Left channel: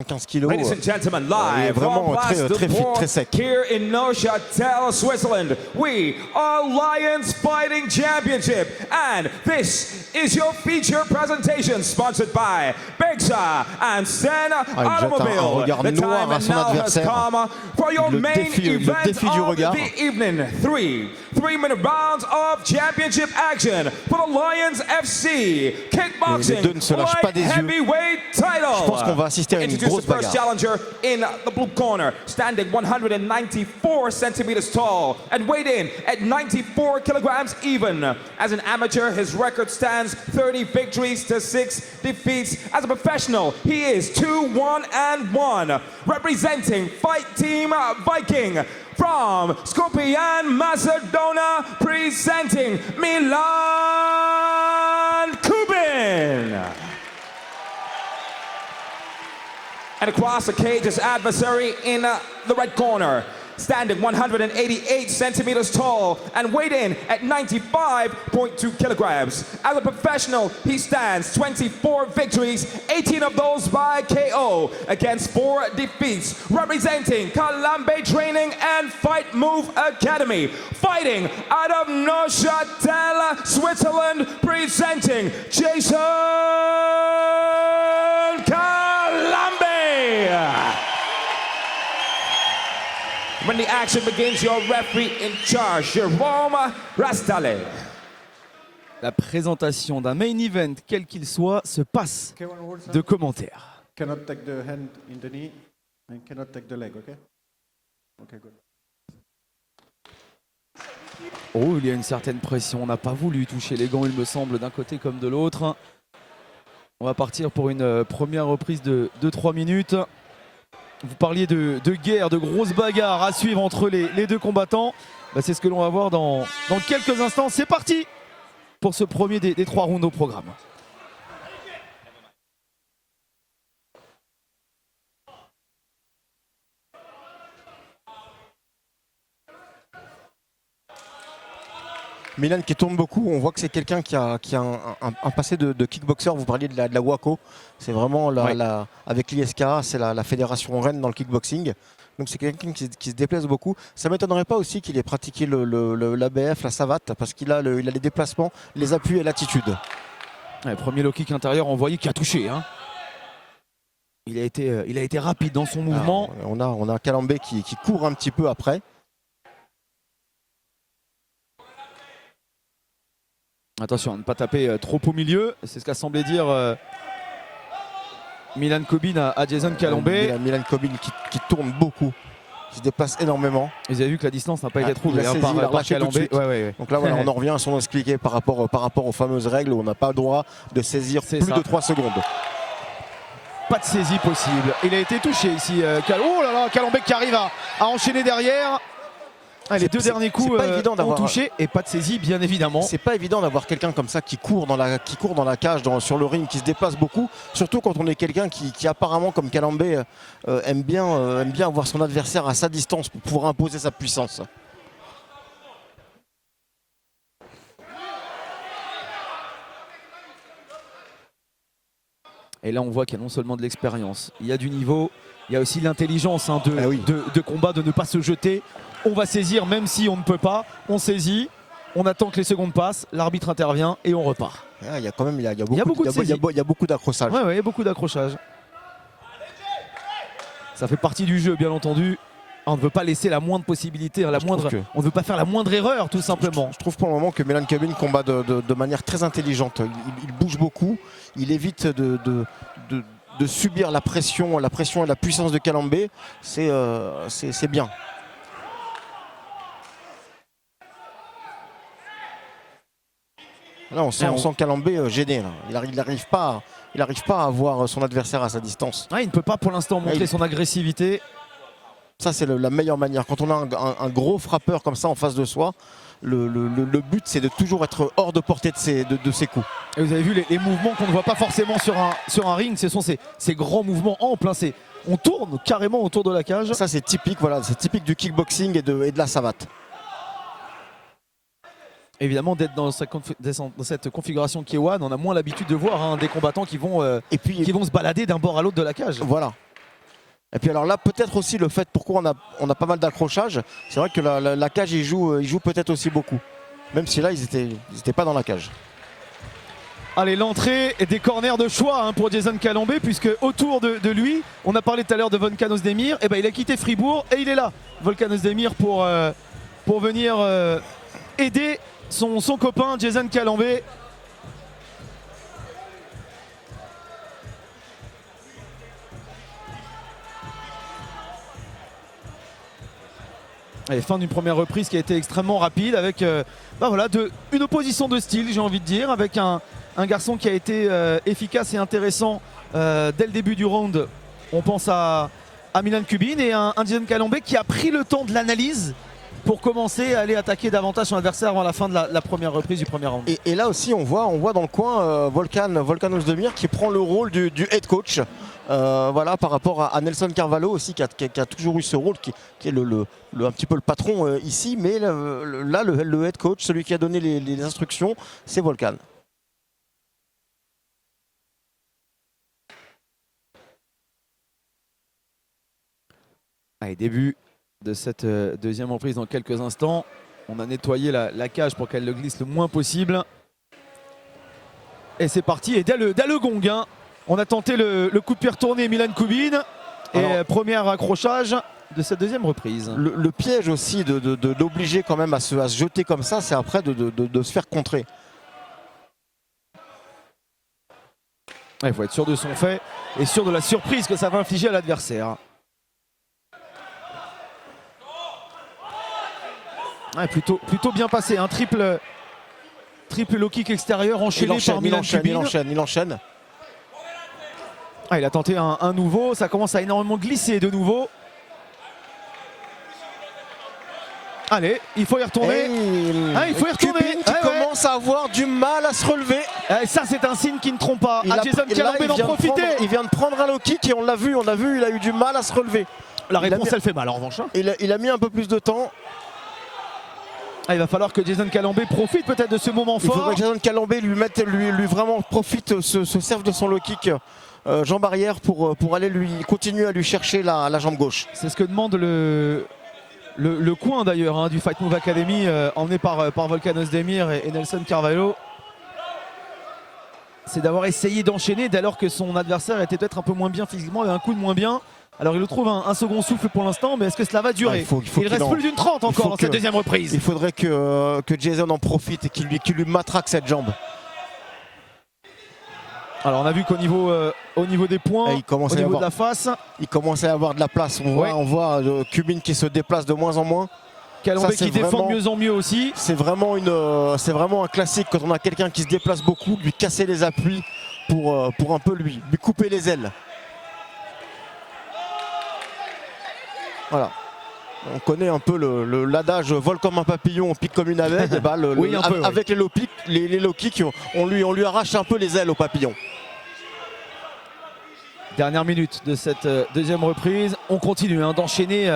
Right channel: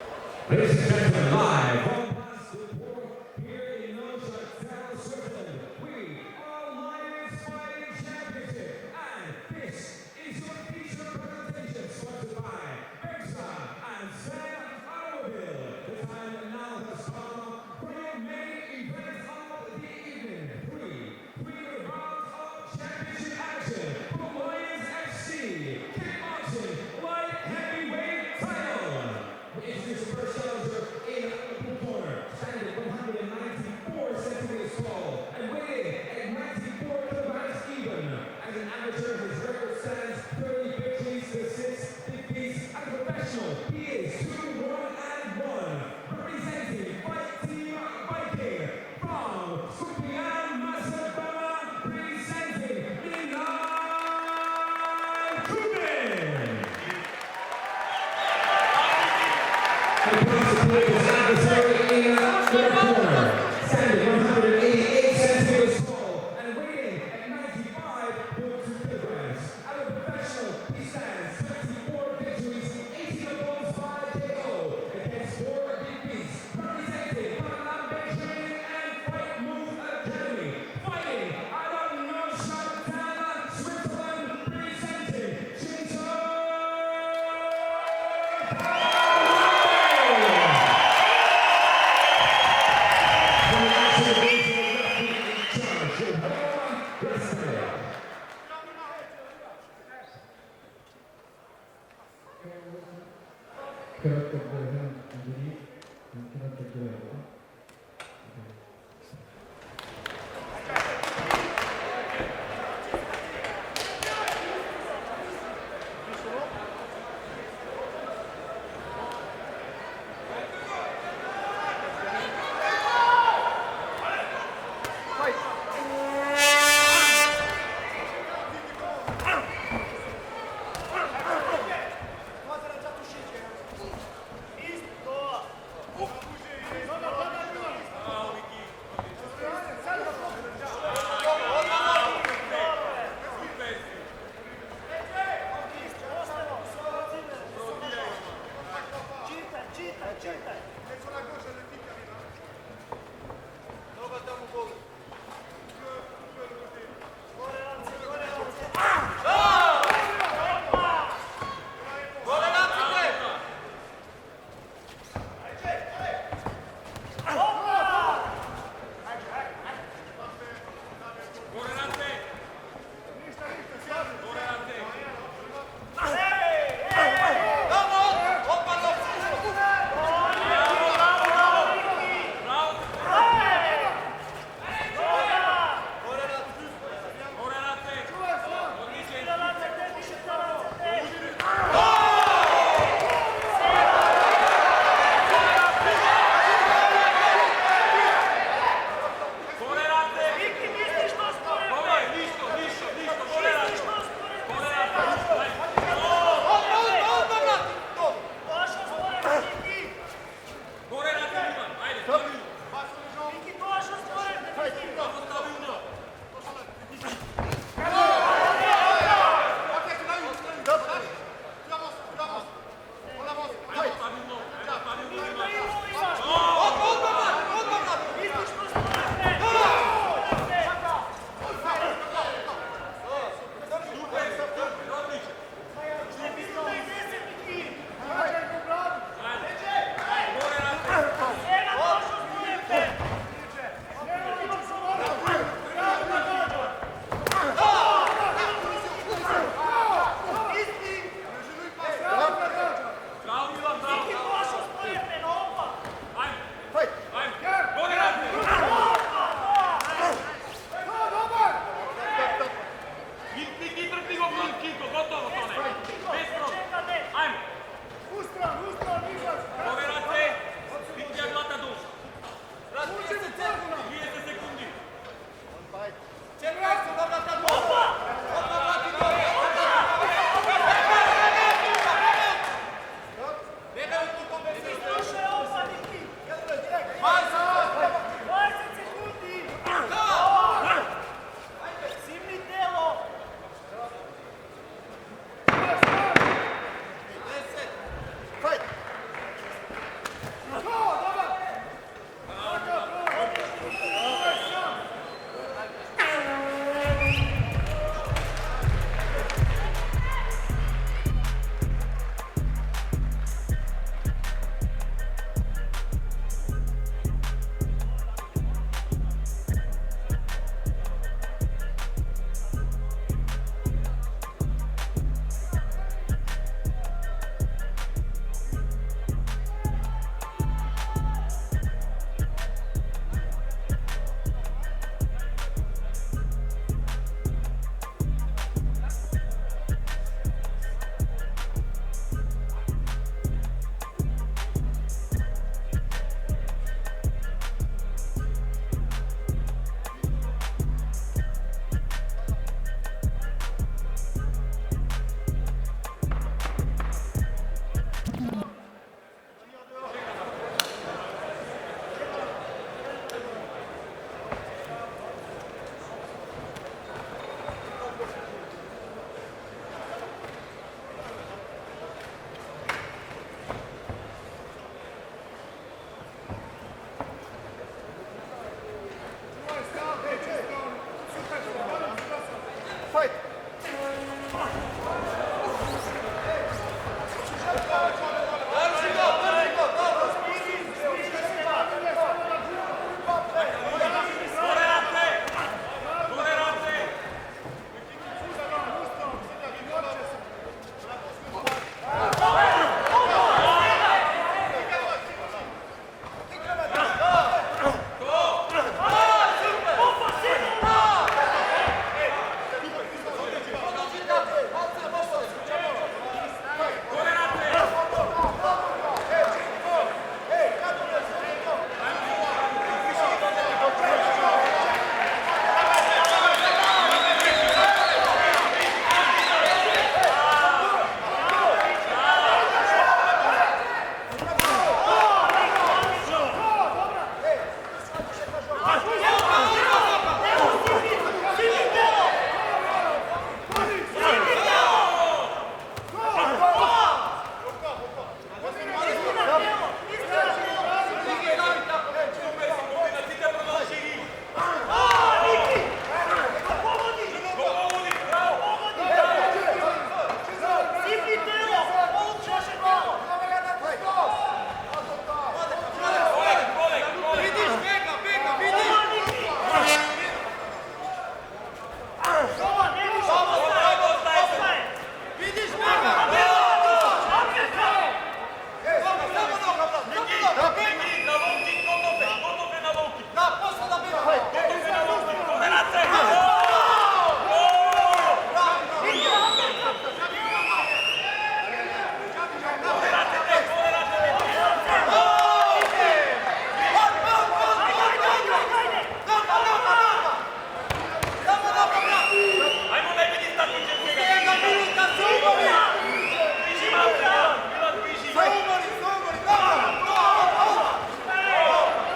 15 kilos, Ladies and gentlemen, il est live vraiment from très fit, très sec. Here in Neuchâtel, Switzerland, we are Lions Fighting Championship, and this is your feature presentation sponsored by Bexa and Sen Automobile. Regard The noir time à son now has adversaire. come for your Le main défi du event regard. of the evening. Three-minute rounds of championship action for the Lions FC Kickboxing deux ne se lâchent pas des yeux. Heavyweight title. Je pense qu'on va assister à une Introduce grosse the first bagarre. challenger in the blue corner, standing 194 centimeters tall and weighed in at 94 kilograms even. As an amateur, his record stands 30 victories to 6 defeats. As a professional, he is 2-1-1. Representing Fight Team Viking from Skopje, Macedonia, presenting Milan Kubin. And across the cage, his adversary in the right corner, standing 188 centimeters tall and weighed in at 95.2 kilograms. As a professional, he stands 24 victories, 18 of those by KO, against 4 defeats, representing Kalambe Training and Fight Move Academy, fighting out of Neuchâtel, Switzerland, presenting Jason When the action begins, your referee in charge, Jérôme Rastale. La présentation d'un main event, quel qu'il soit, se passe de commentaires. Cannot take the hand in the knee and cannot take the leg, okay? Okay, good. Oh, il y a une certaine pression. On n'a pas voulu toucher les gants, il me semble, d'un côté comme de l'autre. On va partir pour une première reprise de 2-3 minutes. Vous parliez de guerre, de grosses bagarres à suivre entre les deux combattants. C'est ce que l'on va voir dans quelques instants. C'est parti pour ce premier des 3 rounds au programme. Milan qui tourne beaucoup, on voit que c'est quelqu'un qui a un passé de kickboxer. Vous parliez de la WACO, c'est vraiment avec l'ISKA, c'est la fédération reine dans le kickboxing. Donc c'est quelqu'un qui se déplace beaucoup. Ça ne m'étonnerait pas aussi qu'il ait pratiqué l'ABF, la savate, parce qu'il a les déplacements, les appuis et l'attitude. Le premier low kick intérieur envoyé qui a touché. Hein. Il a été rapide dans son mouvement. On a Kalambé qui court un petit peu après. Attention à ne pas taper trop au milieu, c'est ce qu'a semblé dire Milan Kubin à Jason Kalambé. Milan Kubin qui tourne beaucoup, qui se déplace énormément. Vous avez vu que la distance n'a pas été trop. Il a saisi, il a lâché tout de suite. Ouais. Donc là voilà, on en revient à son expliqué par rapport aux fameuses règles où on n'a pas le droit de saisir plus de 3 secondes. Pas de saisie possible. Il a été touché ici. Kalambé qui arrive à enchaîner derrière. Les 2 derniers coups ont touché et pas de saisie bien évidemment. C'est pas évident d'avoir quelqu'un comme ça qui court dans la cage, sur le ring, qui se déplace beaucoup. Surtout quand on est quelqu'un qui apparemment comme Kalambé aime bien avoir son adversaire à sa distance pour pouvoir imposer sa puissance. Et là on voit qu'il y a non seulement de l'expérience, il y a du niveau, il y a aussi l'intelligence de combat, de ne pas se jeter. On va saisir même si on ne peut pas, on saisit, on attend que les secondes passent, l'arbitre intervient et on repart. Il y a quand même il y a beaucoup d'accrochage. Ouais, il y a beaucoup d'accrochage. Ça fait partie du jeu bien entendu. On ne veut pas laisser la moindre possibilité, on ne veut pas faire la moindre erreur tout simplement. Je trouve pour le moment que Milan Kubin combat de manière très intelligente. Il bouge beaucoup, il évite de subir la pression et la puissance de Kalambé. C'est bien. Là on sent Kalambé gêné. Il n'arrive pas à avoir son adversaire à sa distance. Il ne peut pas pour l'instant montrer son agressivité. Ça c'est la meilleure manière. Quand on a un gros frappeur comme ça en face de soi, le but c'est de toujours être hors de portée de ses coups. Vous avez vu les mouvements qu'on ne voit pas forcément sur un ring, ce sont ces grands mouvements amples. On tourne carrément autour de la cage. Ça c'est typique, c'est typique du kickboxing et de la savate. évidemment d'être dans cette configuration K1, on a moins l'habitude de voir des combattants qui vont se balader d'un bord à l'autre de la cage. Voilà. Et puis alors là, peut-être aussi le fait pourquoi on a pas mal d'accrochages. C'est vrai que la cage, il joue peut-être aussi beaucoup. Même si là, ils étaient pas dans la cage. Allez, l'entrée des corners de choix hein, pour Jason Calombé, puisque autour de lui, on a parlé tout à l'heure de Volkan Ozdemir, et ben il a quitté Fribourg et il est là, Volkan Ozdemir, pour venir aider son copain Jason Calombé. Allez, fin d'une première reprise qui a été extrêmement rapide avec voilà, une opposition de style, j'ai envie de dire, avec un garçon qui a été efficace et intéressant dès le début du round. On pense à Milan Kubin et un Jason Calombé qui a pris le temps de l'analyse pour commencer à aller attaquer davantage son adversaire avant la fin de la première reprise du premier round. Et là aussi on voit dans le coin Volkan Ozdemir qui prend le rôle du head coach, voilà, par rapport à Nelson Carvalho aussi qui a toujours eu ce rôle qui est un petit peu le patron ici, mais là le head coach, celui qui a donné les instructions, c'est Volkan. Allez, début de cette deuxième reprise dans quelques instants. On a nettoyé la cage pour qu'elle le glisse le moins possible. Et c'est parti, et dès le gong, hein, on a tenté le coup de pied retourné Milan Kubin. Et premier accrochage de cette deuxième reprise. Le piège aussi d'obliger quand même à se jeter comme ça, c'est après de se faire contrer. Il faut être sûr de son fait et sûr de la surprise que ça va infliger à l'adversaire. Plutôt bien passé, un triple low kick extérieur enchaîné par Milan Kubin. Il enchaîne. Il a tenté un nouveau, ça commence à énormément glisser de nouveau. Allez, il faut y retourner. Il commence à avoir du mal à se relever. Ça c'est un signe qui ne trompe pas. Jason Calombé va profiter. Il vient de prendre un low kick et on l'a vu, il a eu du mal à se relever. La réponse elle fait mal en revanche. Il a mis un peu plus de temps. Il va falloir que Jason Calombé profite peut-être de ce moment fort. Il faudrait que Jason Calombé lui vraiment profite, se serve de son low kick jambe arrière pour aller continuer à lui chercher la jambe gauche. C'est ce que demande le coin d'ailleurs hein, du Fight Move Academy emmené par Volkan Ozdemir et Nelson Carvalho. C'est d'avoir essayé d'enchaîner dès lors que son adversaire était peut-être un peu moins bien physiquement, un coup de moins bien. Alors il trouve un second souffle pour l'instant, mais est-ce que cela va durer? Il reste plus d'une 30 encore cette deuxième reprise. Il faudrait que Jason en profite et qu'il lui matraque cette jambe. Alors on a vu qu'au niveau des points, au niveau de la face, il commence à avoir de la place. On voit Kubin qui se déplace de moins en moins. Calombé qui défend de mieux en mieux aussi. C'est vraiment un classique quand on a quelqu'un qui se déplace beaucoup, lui casser les appuis pour un peu lui couper les ailes. Voilà. On connaît un peu l'adage vol comme un papillon, on pique comme une abeille. Avec les low kicks, on lui arrache un peu les ailes au papillon. Dernière minute de cette deuxième reprise. On continue d'enchaîner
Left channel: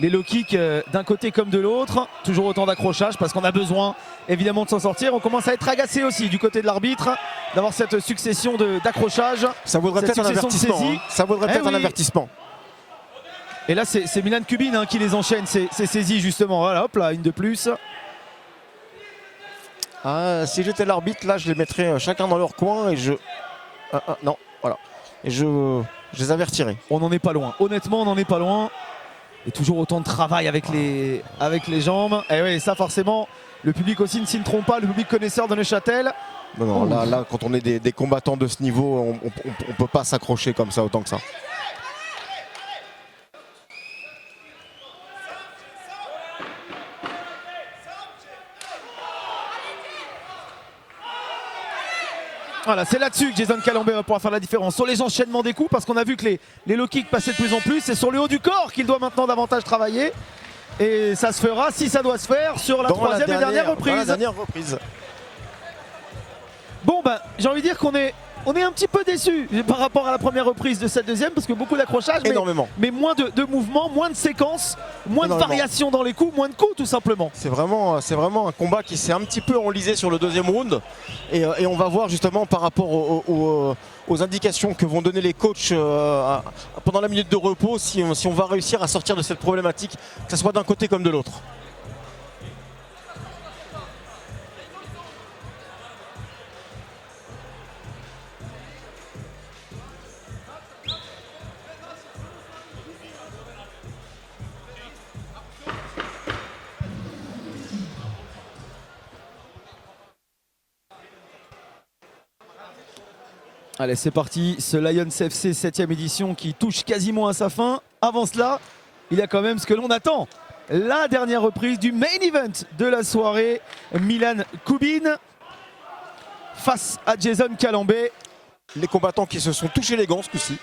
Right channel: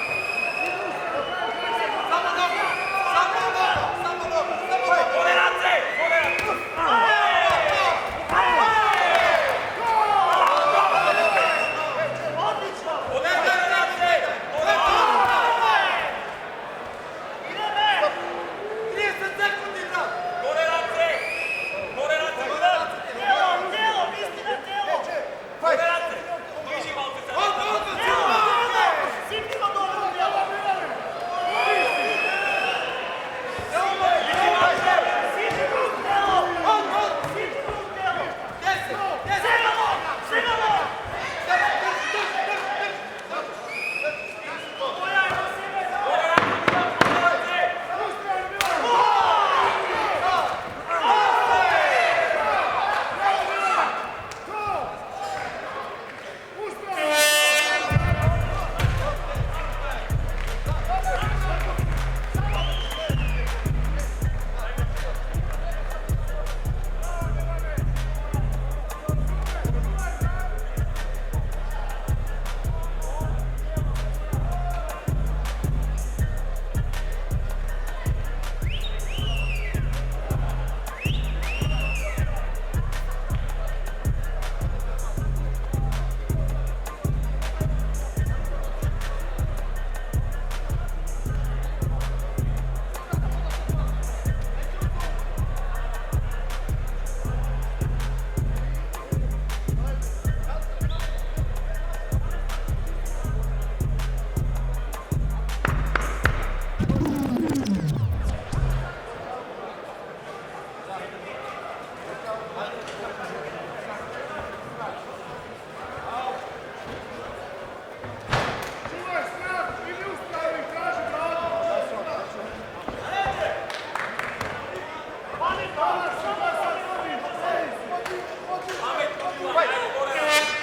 les low kicks d'un côté comme de l'autre. Toujours autant d'accrochage parce qu'on a besoin évidemment de s'en sortir. On commence à être agacé aussi du côté de l'arbitre d'avoir cette succession d'accrochages. Ça vaudrait peut-être un avertissement. Ça vaudrait peut-être un avertissement. Et là c'est Milan Kubin qui les enchaîne, c'est saisi justement, voilà, hop là, une de plus. Si j'étais l'arbitre, là je les mettrais chacun dans leur coin et non, voilà. Et je les avertirais. On n'en est pas loin, honnêtement on n'en est pas loin. Et toujours autant de travail avec les jambes. Et oui, ça forcément, le public aussi ne s'y trompe pas, le public connaisseur de Neuchâtel. Bon, là, quand on est des combattants de ce niveau, on ne peut pas s'accrocher comme ça autant que ça. Voilà, c'est là-dessus que Jason Calombé va pouvoir faire la différence sur les enchaînements des coups, parce qu'on a vu que les low kicks passaient de plus en plus. C'est sur le haut du corps qu'il doit maintenant davantage travailler. Et ça se fera, si ça doit se faire, sur la troisième et dernière reprise. Bon, ben, j'ai envie de dire qu'on est on est un petit peu déçus par rapport à la première reprise de cette deuxième parce que beaucoup d'accrochages, Énormément. mais moins de mouvements, moins de séquences, moins de variations dans les coups, moins de coups tout simplement. C'est vraiment un combat qui s'est un petit peu enlisé sur le deuxième round et on va voir justement par rapport aux indications que vont donner les coachs pendant la minute de repos si on va réussir à sortir de cette problématique, que ce soit d'un côté comme de l'autre. Allez, c'est parti, ce Lions FC 7e édition qui touche quasiment à sa fin. Avant cela, il y a quand même ce que l'on attend. La dernière reprise du main event de la soirée. Milan Kubin face à Jason Calambay. Les combattants qui se sont touchés les gants ce coup-ci.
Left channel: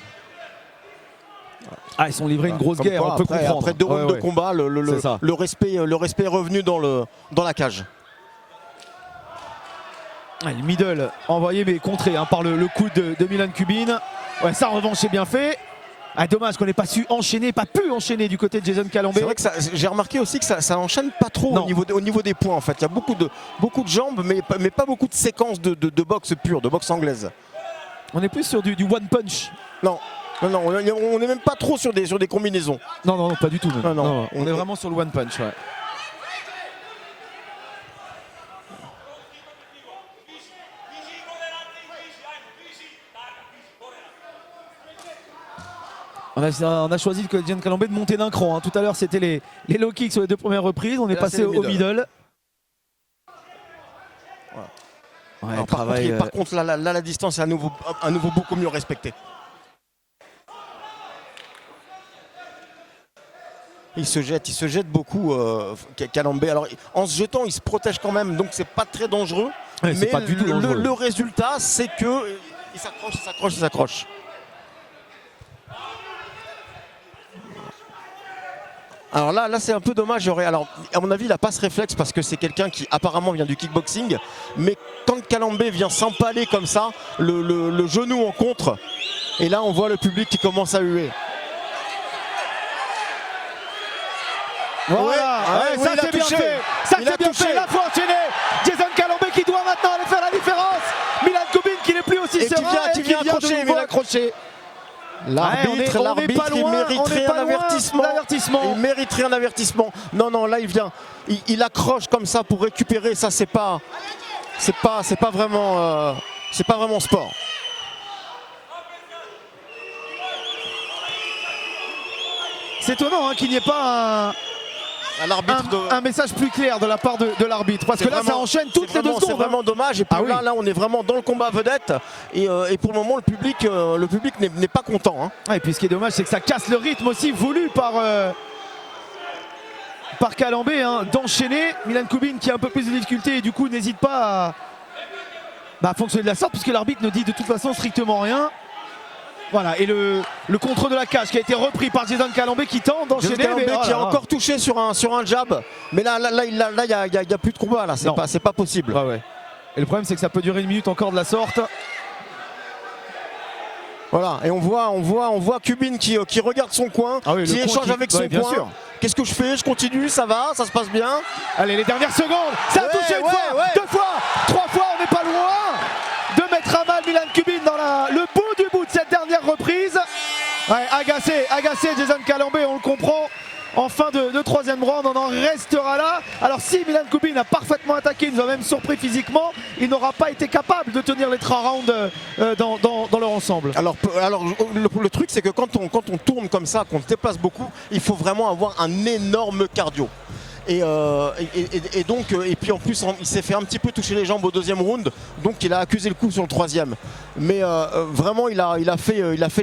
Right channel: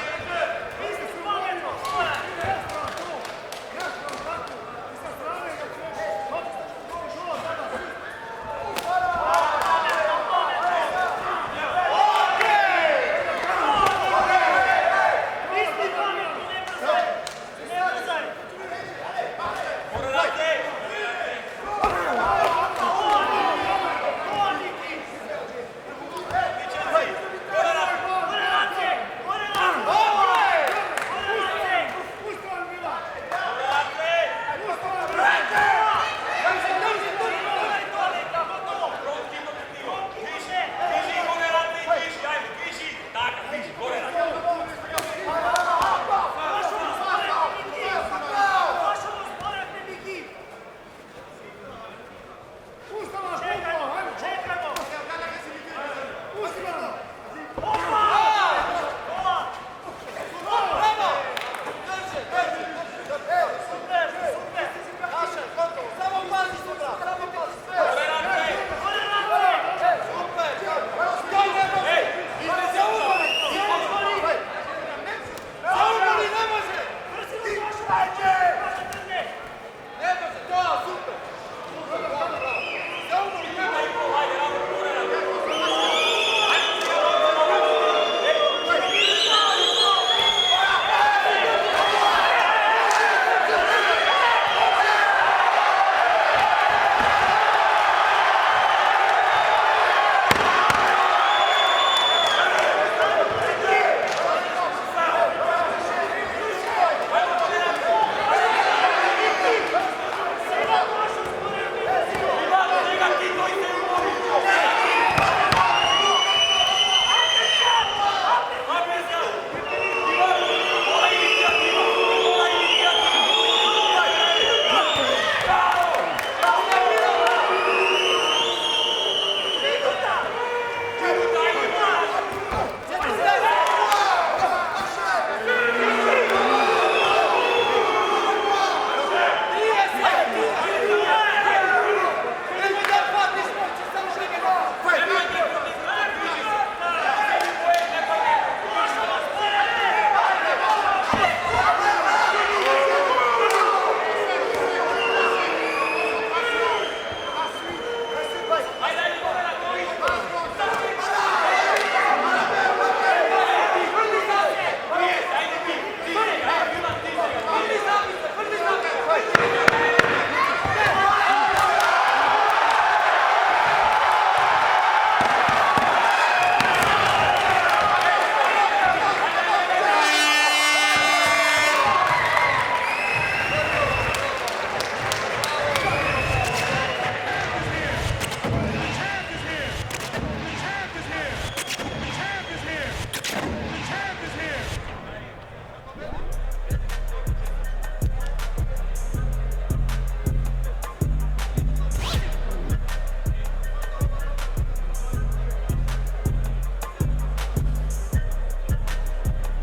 Ah, ils sont livrés une grosse guerre, on peut comprendre. Après 2 rounds de combat, le respect est revenu dans la cage. Une middle envoyé mais contré par le coup de Milan Kubin. Ça en revanche c'est bien fait. Dommage qu'on n'ait pas pu enchaîner du côté de Jason Calambay. C'est vrai que j'ai remarqué aussi que ça enchaîne pas trop au niveau des points en fait. Il y a beaucoup de jambes mais pas beaucoup de séquences de boxe pure, de boxe anglaise. On est plus sur du one punch. Non, on n'est même pas trop sur des combinaisons. Non, pas du tout. Non. On est vraiment sur le one punch. Ouais. On a choisi que Jason Calambay de monter d'un cran. Tout à l'heure c'était les low kicks sur les 2 premières reprises. On est passé au middle. Par contre, la distance est à nouveau beaucoup mieux respectée. Il se jette beaucoup Calambay. Alors en se jetant, il se protège quand même, donc c'est pas très dangereux. Ouais, mais pas du tout dangereux. Le résultat, c'est que il s'accroche. Alors là c'est un peu dommage. Alors à mon avis, il n'a pas ce réflexe parce que c'est quelqu'un qui apparemment vient du kickboxing. Mais quand Calambay vient s'empaler comme ça, le genou en contre, et là on voit le public qui commence à hurler. Ça s'est touché. Ça s'est touché. Il faut enchaîner. Jason Calambay qui doit maintenant faire la différence. Milan Kubin qui n'est plus aussi sévère. Qui vient accrocher. L'arbitre, il mériterait un avertissement. Il mériterait un avertissement. Non, là il vient. Il accroche comme ça pour récupérer. Ça c'est pas vraiment sport. C'est étonnant qu'il n'y ait pas un message plus clair de la part de l'arbitre. Parce que là ça enchaîne toutes les 2 secondes. C'est vraiment dommage. Et puis là on est vraiment dans le combat vedette. Et pour le moment le public n'est pas content. Et puis ce qui est dommage c'est que ça casse le rythme aussi voulu par Calambay d'enchaîner. Milan Kubin qui a un peu plus de difficulté et du coup n'hésite pas à fonctionner de la sorte puisque l'arbitre ne dit de toute façon strictement rien. Voilà, et le contrôle de la cage qui a été repris par Jason Calambay qui tente d'enchaîner. Qui a encore touché sur un jab. Mais là il n'y a plus de combat là, c'est pas possible. Et le problème c'est que ça peut durer 1 minute encore de la sorte. Voilà, on voit Kubin qui regarde son coin, qui échange avec son coin. Qu'est-ce que je fais? Je continue, ça va, ça se passe bien. Allez, les dernières secondes, ça a touché une fois, 2 fois, 3 fois, on n'est pas loin de mettre à mal Milan Kubin dans le bout de cette dernière reprise. Agacé Jason Calambay, on le comprend. En fin de 3e round, on en restera là. Alors si Milan Kubin a parfaitement attaqué, il nous a même surpris physiquement, il n'aura pas été capable de tenir les 3 rounds dans leur ensemble. Alors le truc c'est que quand on tourne comme ça, qu'on se déplace beaucoup, il faut vraiment avoir un énorme cardio. Et puis en plus il s'est fait un petit peu toucher les jambes au 2e round, donc il a accusé le coup sur le 3e. Mais vraiment il a fait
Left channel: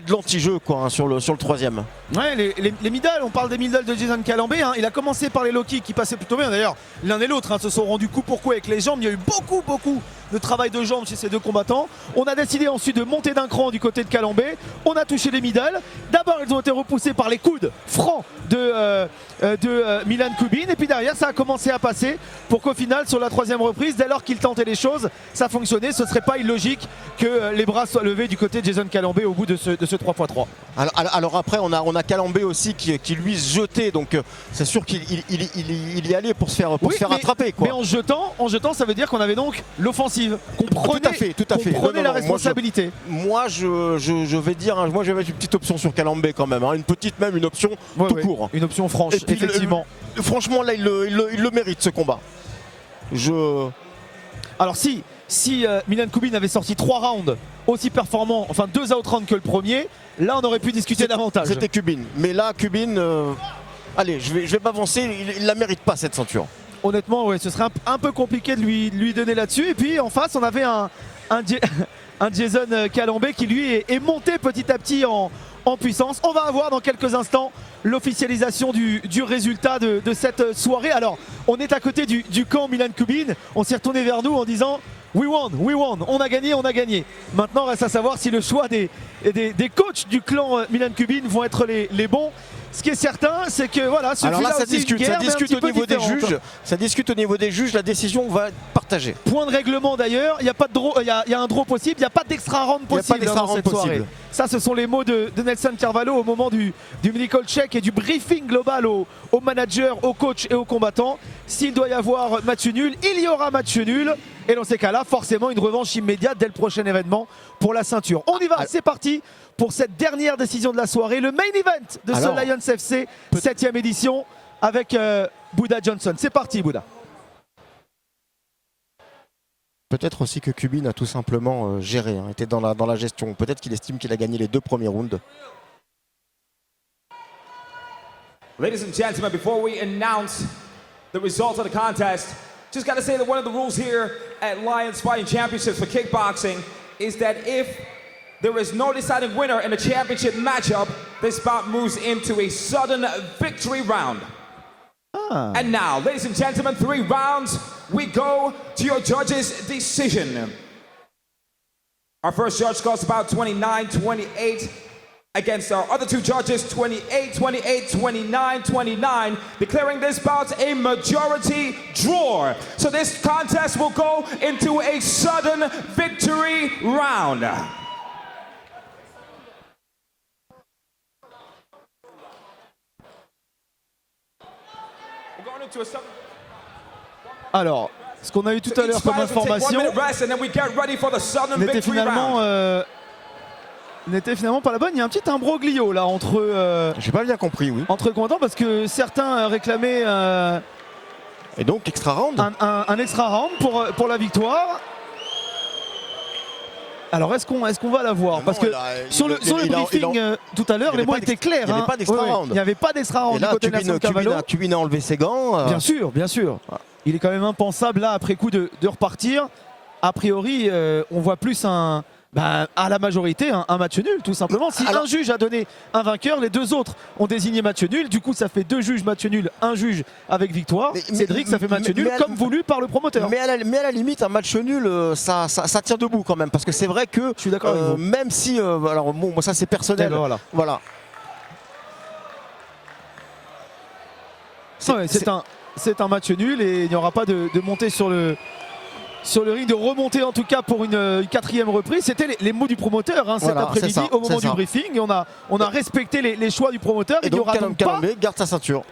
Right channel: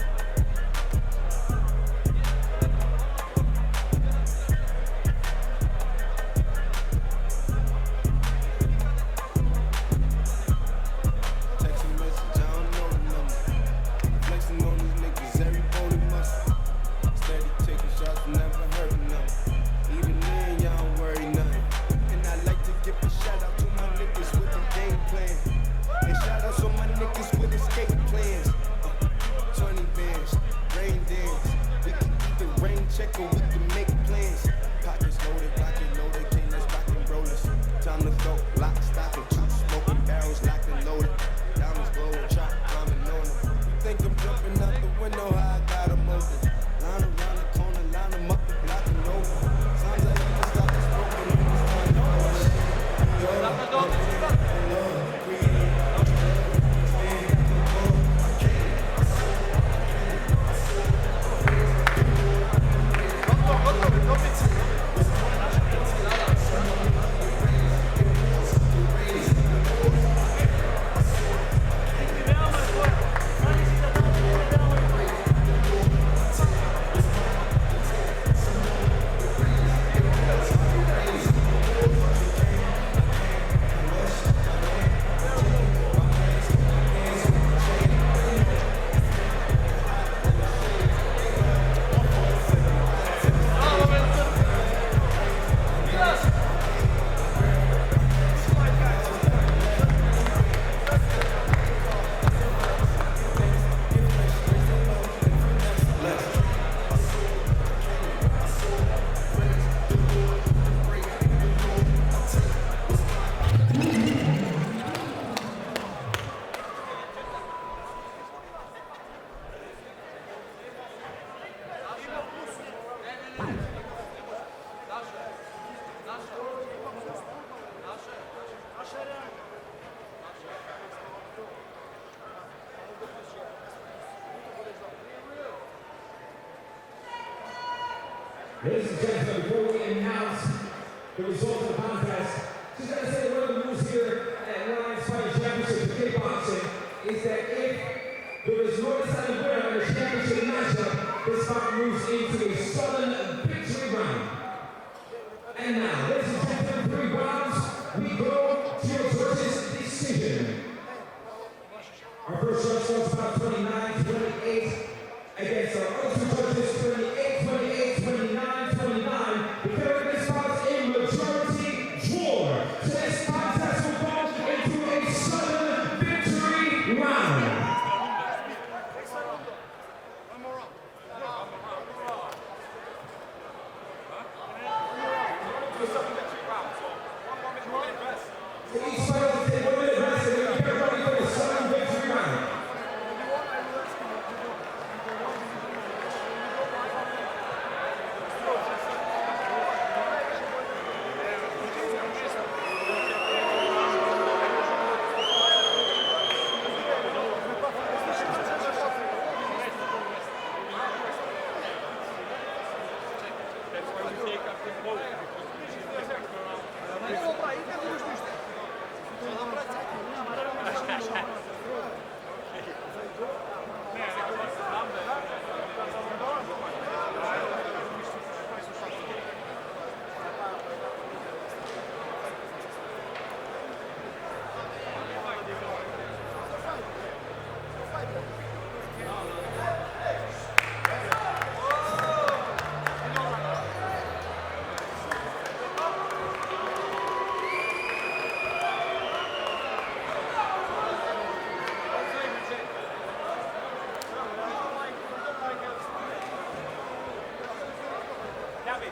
de l'anti-jeu sur le 3e. Ouais, les middle, on parle des middle de Jason Calambay. Il a commencé par les low kicks qui passaient plutôt bien. D'ailleurs l'un et l'autre se sont rendus coup pour coup avec les jambes. Il y a eu beaucoup le travail de jambes chez ces deux combattants. On a décidé ensuite de monter d'un cran du côté de Calambé. On a touché des middle. D'abord, ils ont été repoussés par les coudes francs de Milan Kubin. Et puis derrière, ça a commencé à passer pour qu'au final, sur la troisième reprise, dès lors qu'il tentait les choses, ça fonctionnait. Ce serait pas illogique que les bras soient levés du côté de Jason Calambé au bout de ce 3x3. Alors après, on a Calambé aussi qui lui se jetait, donc c'est sûr qu'il y allait pour se faire attraper, quoi. Mais en jetant, ça veut dire qu'on avait donc l'offensive, qu'on prenait, tout à fait. qu'on prenait la responsabilité. Moi, je vais dire, moi je vais mettre une petite option sur Calambé quand même, hein, une option tout court. Une option franche, Et puis, effectivement. Franchement, là, il le mérite, ce combat. Alors si Milan Kubin avait sorti 3 rounds aussi performants, enfin 2 outrounds que le premier, là on aurait pu discuter davantage. C'était Kubin. Mais là, Kubin, allez, je vais pas avancer, il la mérite pas cette ceinture. Honnêtement, ouais, ce serait un peu compliqué de lui donner là-dessus. Et puis en face, on avait un Jason Calambé qui lui est monté petit à petit en puissance. On va avoir dans quelques instants l'officialisation du résultat de cette soirée. Alors, on est à côté du camp Milan Kubin. On s'est retourné vers nous en disant we won, on a gagné. Maintenant, reste à savoir si le choix des coachs du clan Milan Kubin vont être les bons. Ce qui est certain, c'est que voilà, alors là, ça discute au niveau des juges, la décision va être partagée. Point de règlement d'ailleurs, il y a pas de draw, il y a un draw possible, il n'y a pas d'extra round possible dans cette soirée. Ça, ce sont les mots de Nelson Carvalho au moment du mini-call check et du briefing global aux managers, aux coachs et aux combattants. S'il doit y avoir match nul, il y aura match nul. Et dans ces cas-là, forcément une revanche immédiate dès le prochain événement pour la ceinture. On y va, c'est parti pour cette dernière décision de la soirée, le main event de ce Lions FC 7e édition avec Buddha Johnson. C'est parti, Buddha. Peut-être aussi que Kubin a tout simplement géré, était dans la gestion. Peut-être qu'il estime qu'il a gagné les 2 premiers rounds. Ladies and gentlemen, before we announce the result of the contest, just got to say that one of the rules here at Lions Fighting Championships for kickboxing is that if there is no deciding winner in the championship matchup, this bout moves into a sudden victory round. And now, ladies and gentlemen, 3 rounds. We go to your judges' decision. Our first judge scores about 29-28 against our other 2 judges, 28-28, 29-29, declaring this bout a majority draw. So this contest will go into a sudden victory round. Alors, ce qu'on a eu tout à l'heure comme information n'était finalement pas la bonne. Il y a un petit imbroglio là entre. J'ai pas bien compris, oui. Entre combattants parce que certains réclamaient. Et donc extra round. Un extra round pour la victoire. Alors est-ce qu'on va la voir? Parce que sur le briefing tout à l'heure, les mots étaient clairs. Il n'y avait pas d'extra round. Il n'y avait pas d'extra round. Et là, Kubin a enlevé ses gants. Bien sûr. Il est quand même impensable là après coup de repartir. A priori, on voit plus à la majorité un match nul tout simplement. Si un juge a donné un vainqueur, les 2 autres ont désigné match nul. Du coup, ça fait 2 juges match nul, un juge avec victoire. Cédric, ça fait match nul comme voulu par le promoteur. Mais à la limite, un match nul, ça tient debout quand même. Parce que c'est vrai que je suis d'accord avec vous. Même si, alors bon, ça c'est personnel. Voilà. C'est un match nul et il n'y aura pas de montée sur le ring, de remonter en tout cas pour une 4e reprise. C'était les mots du promoteur cet après-midi au moment du briefing. Et on a respecté les choix du promoteur. Et donc Calambé garde sa ceinture.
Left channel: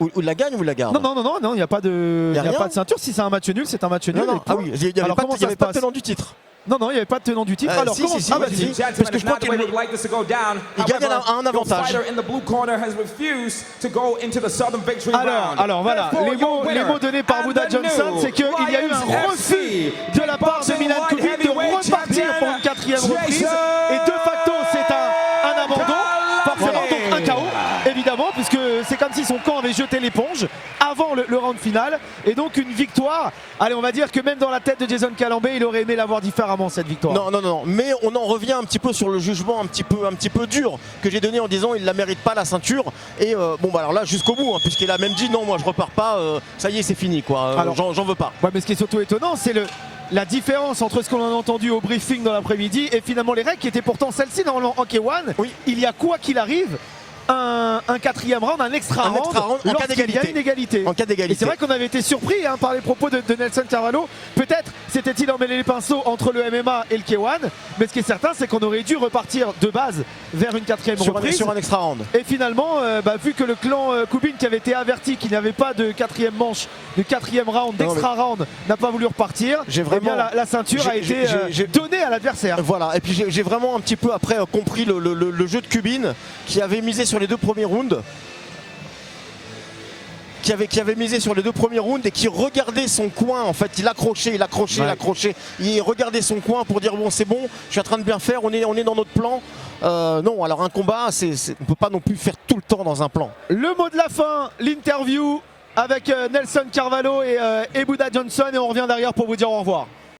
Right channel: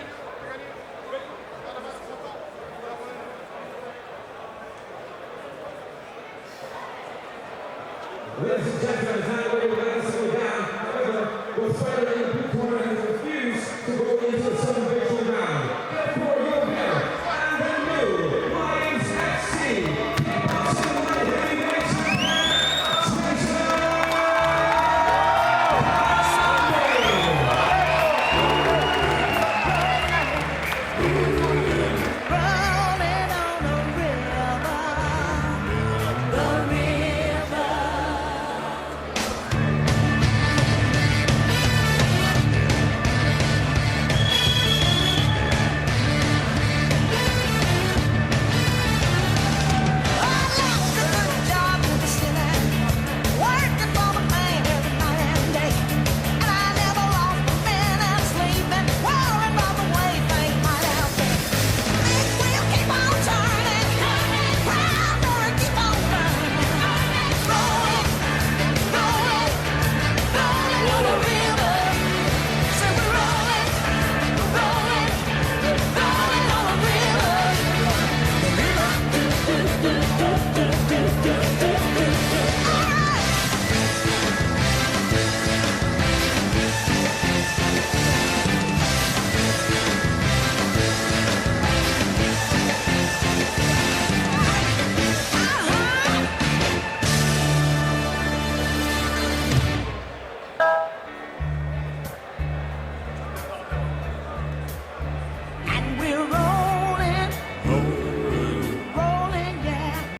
Ou la gagne ou la garde? Non, il n'y a pas de ceinture. Si c'est un match nul, c'est un match nul. Il n'y avait pas de tenant du titre. Non, il n'y avait pas de tenon du titre. Alors, si, parce que je crois qu'il gagne un avantage. Alors voilà, les mots donnés par Buddha Johnson, c'est qu'il y a eu un refus de la part de Milan Kubin de repartir pour une 4e reprise. Et de facto, c'est un abandon, forcément un KO, évidemment, puisque c'est comme si son camp avait jeté l'éponge avant le round final. Et donc une victoire. Allez, on va dire que même dans la tête de Jason Calambé, il aurait aimé l'avoir différemment cette victoire. Non, mais on en revient un petit peu sur le jugement un petit peu dur que j'ai donné en disant il ne la mérite pas la ceinture. Et alors là jusqu'au bout, puisqu'il a même dit non, moi je repars pas, ça y est c'est fini quoi. Alors j'en veux pas. Mais ce qui est surtout étonnant, c'est la différence entre ce qu'on a entendu au briefing dans l'après-midi et finalement les règles qui étaient pourtant celles-ci dans le Hockey One. Il y a quoi qu'il arrive un quatrième round, un extra round en cas d'égalité. Et c'est vrai qu'on avait été surpris par les propos de Nelson Carvalho. Peut-être s'était-il emmêlé les pinceaux entre le MMA et le K1, mais ce qui est certain c'est qu'on aurait dû repartir de base vers une quatrième round sur un extra round. Et finalement, vu que le clan Kubik qui avait été averti qu'il n'y avait pas de quatrième manche, ou quatrième round, extra round, n'a pas voulu repartir, la ceinture a été donnée à l'adversaire. Voilà, et puis j'ai vraiment un petit peu après compris le jeu de Kubin qui avait misé sur les deux premiers rounds. Qui avait misé sur les deux premiers rounds et qui regardait son coin, en fait, il accrochait. Il regardait son coin pour dire bon c'est bon, je suis en train de bien faire, on est dans notre plan. Non, alors un combat, on ne peut pas non plus le faire tout le temps dans un plan. Le mot de la fin, l'interview avec Nelson Carvalho et Buda Johnson et on revient derrière pour vous dire au revoir.